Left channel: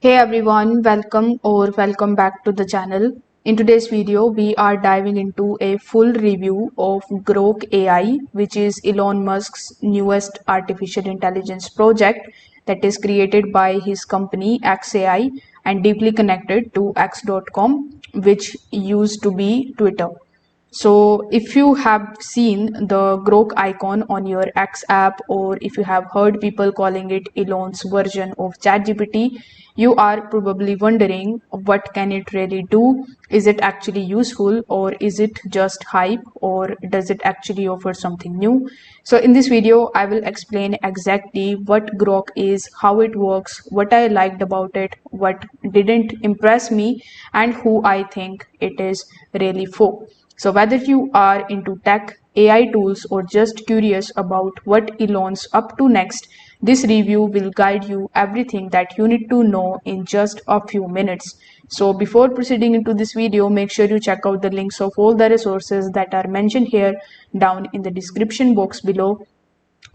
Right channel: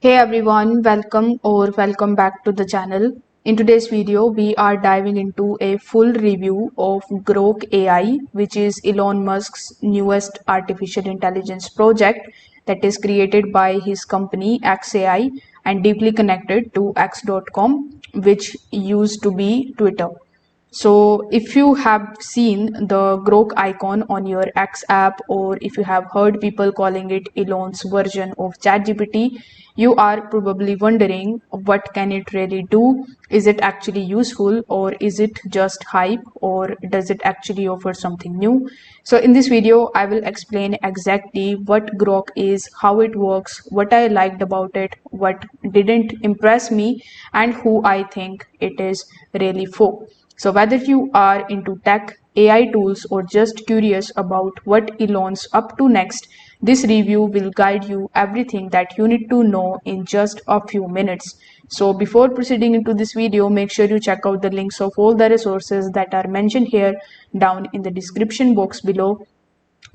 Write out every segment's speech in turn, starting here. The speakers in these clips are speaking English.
Hey everyone, welcome back to the channel. In today's video, we are diving into a full review of Grok AI, which is Elon Musk's newest artificial intelligence project that is created by his company XAI and deeply connected to X.com, which used to be Twitter. So, if you have seen the Grok icon on your X app, or if you have heard people calling it Elon's version of ChatGPT, you are probably wondering what can it really do? Is it actually useful, or is it just hype, or does it actually offer something new? So, in this video, I will explain exactly what Grok is, how it works, what I liked about it, what didn't impress me, and who I think it is really for. So, whether you are into tech, AI tools, or just curious about what Elon's up to next, this review will guide you everything that you need to know in just a few minutes. So, before proceeding into this video, make sure you check out the links of all the resources that are mentioned here down in the description box below.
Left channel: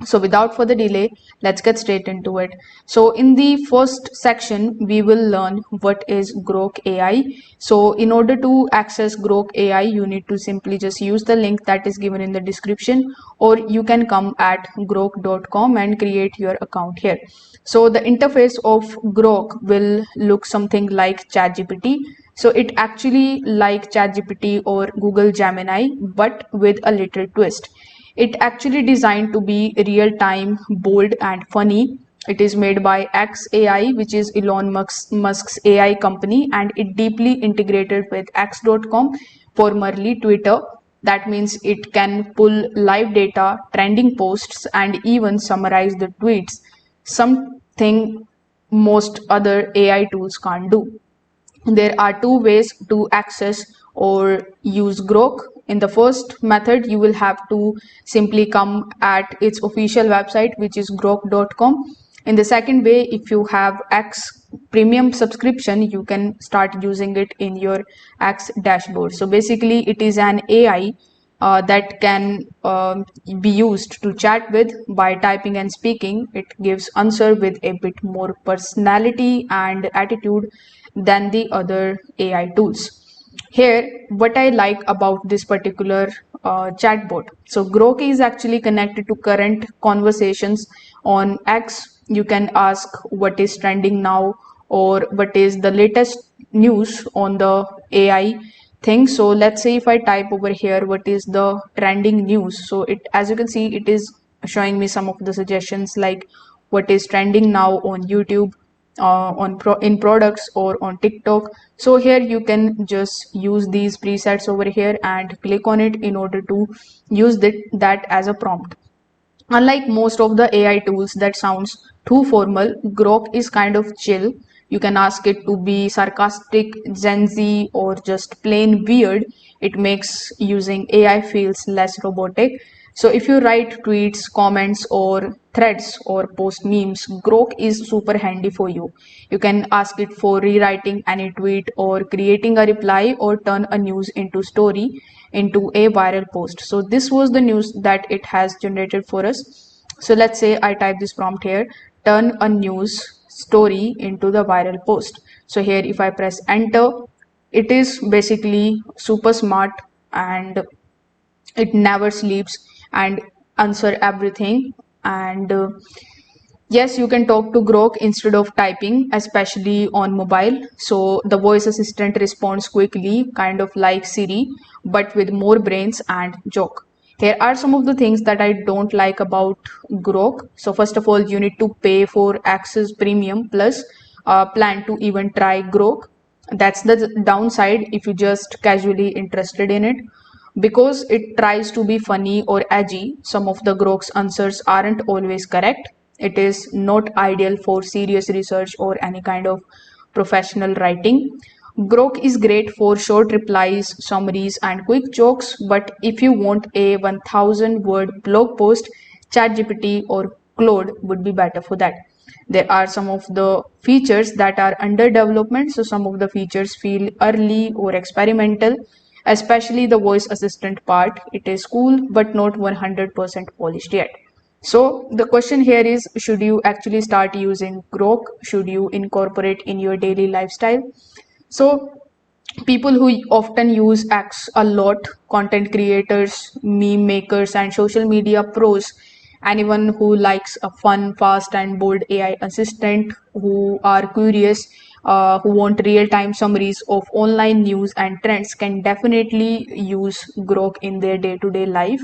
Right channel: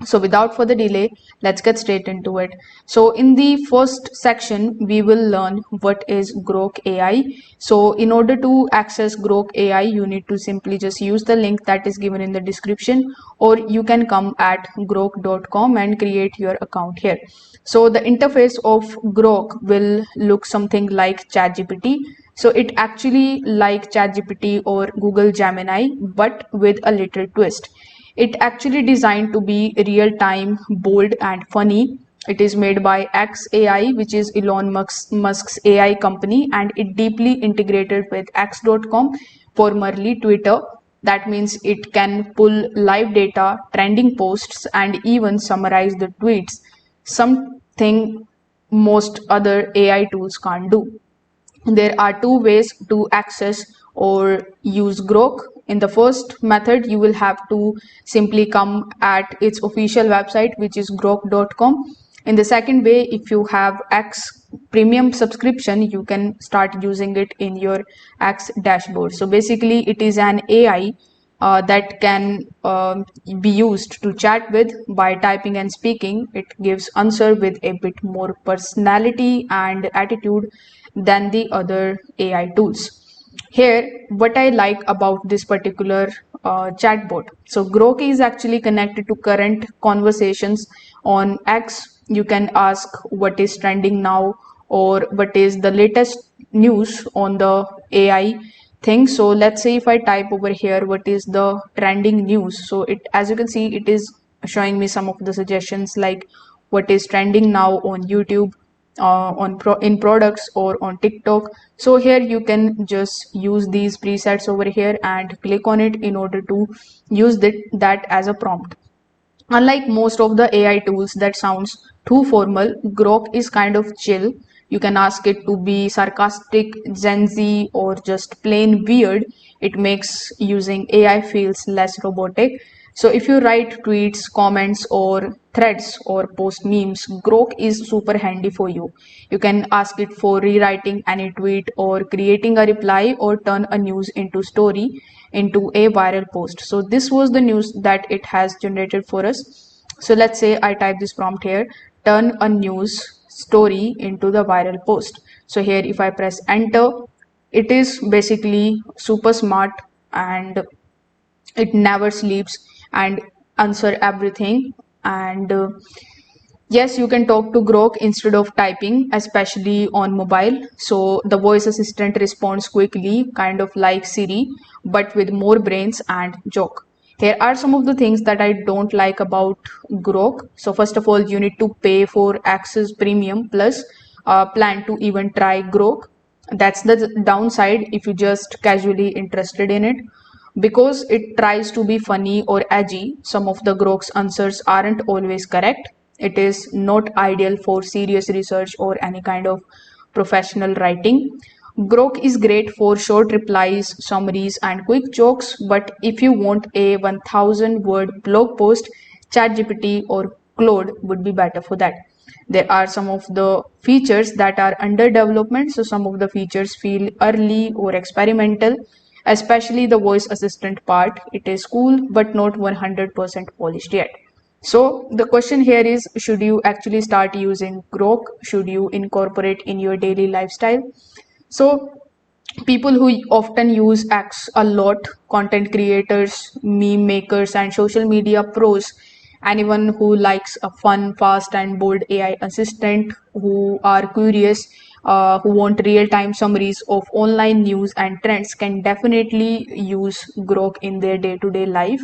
So without further delay, let's get straight into it. So in the first section, we will learn what is Grok AI. So in order to access Grok AI, you need to simply just use the link that is given in the description, or you can come at grok.com and create your account here. So the interface of Grok will look something like ChatGPT. So it actually like ChatGPT or Google Gemini, but with a little twist. It actually designed to be real time, bold, and funny. It is made by XAI, which is Elon Musk's AI company, and it deeply integrated with X.com, formerly Twitter. That means it can pull live data, trending posts, and even summarize the tweets, something most other AI tools can't do. There are two ways to access or use Grok. In the first method, you will have to simply come at its official website, which is grok.com. In the second way, if you have X premium subscription, you can start using it in your X dashboard. So basically, it is an AI that can be used to chat with by typing and speaking. It gives answer with a bit more personality and attitude than the other AI tools. Here, what I like about this particular chatbot. So Grok is actually connected to current conversations on X. You can ask what is trending now or what is the latest news on the AI thing. So let's say if I type over here what is the trending news. So it, as you can see, it is showing me some of the suggestions like what is trending now on YouTube, in products or on TikTok. So here you can just use these presets over here and click on it in order to use that as a prompt. Unlike most of the AI tools that sounds too formal, Grok is kind of chill. You can ask it to be sarcastic, Gen Z, or just plain weird. It makes using AI feels less robotic. So if you write tweets, comments, or threads, or post memes, Grok is super handy for you. You can ask it for rewriting any tweet or creating a reply or turn a news into story into a viral post. So this was the news that it has generated for us. So let's say I type this prompt here, turn a news story into the viral post. So here if I press enter, it is basically super smart and it never sleeps and answer everything. And yes, you can talk to Grok instead of typing, especially on mobile. So the voice assistant responds quickly, kind of like Siri, but with more brains and joke. Here are some of the things that I don't like about Grok. So first of all, you need to pay for Access Premium Plus plan to even try Grok. That's the downside if you just casually interested in it. Because it tries to be funny or edgy, some of the Grok's answers aren't always correct. It is not ideal for serious research or any kind of professional writing. Grok is great for short replies, summaries, and quick jokes, but if you want a 1000 word blog post, ChatGPT or Claude would be better for that. There are some of the features that are under development, so some of the features feel early or experimental, especially the voice assistant part. It is cool but not 100% polished yet. So the question here is, should you actually start using Grok? Should you incorporate in your daily lifestyle? So people who often use X a lot, content creators, meme makers, and social media pros, anyone who likes a fun, fast, and bold AI assistant, who are curious, who want real time summaries of online news and trends, can definitely use Grok in their day to day life.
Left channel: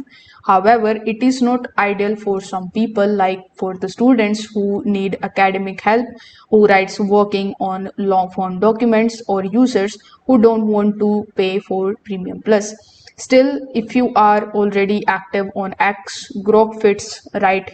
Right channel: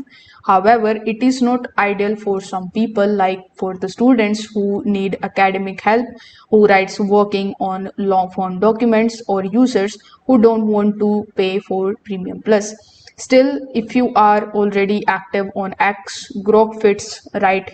However, it is not ideal for some people, like for the students who need academic help, who writes working on long form documents, or users who don't want to pay for Premium Plus. Still, if you are already active on X, Grok fits right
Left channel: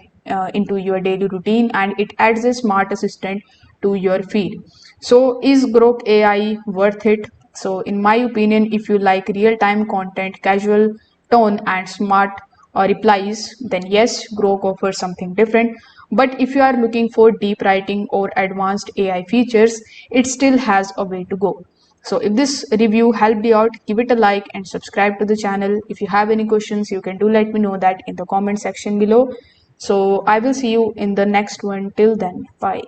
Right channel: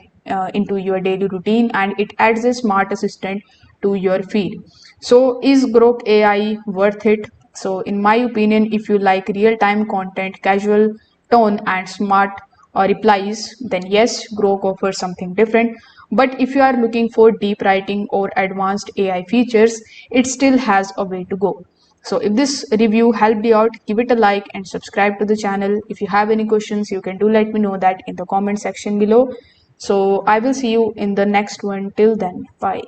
into your daily routine and it adds a smart assistant to your feed. So, is Grok AI worth it? So, in my opinion, if you like real time content, casual tone, and smart replies, then yes, Grok offers something different. But if you are looking for deep writing or advanced AI features, it still has a way to go. So if this review helped you out, give it a like and subscribe to the channel. If you have any questions, you can do let me know that in the comment section below. So I will see you in the next one. Till then, bye.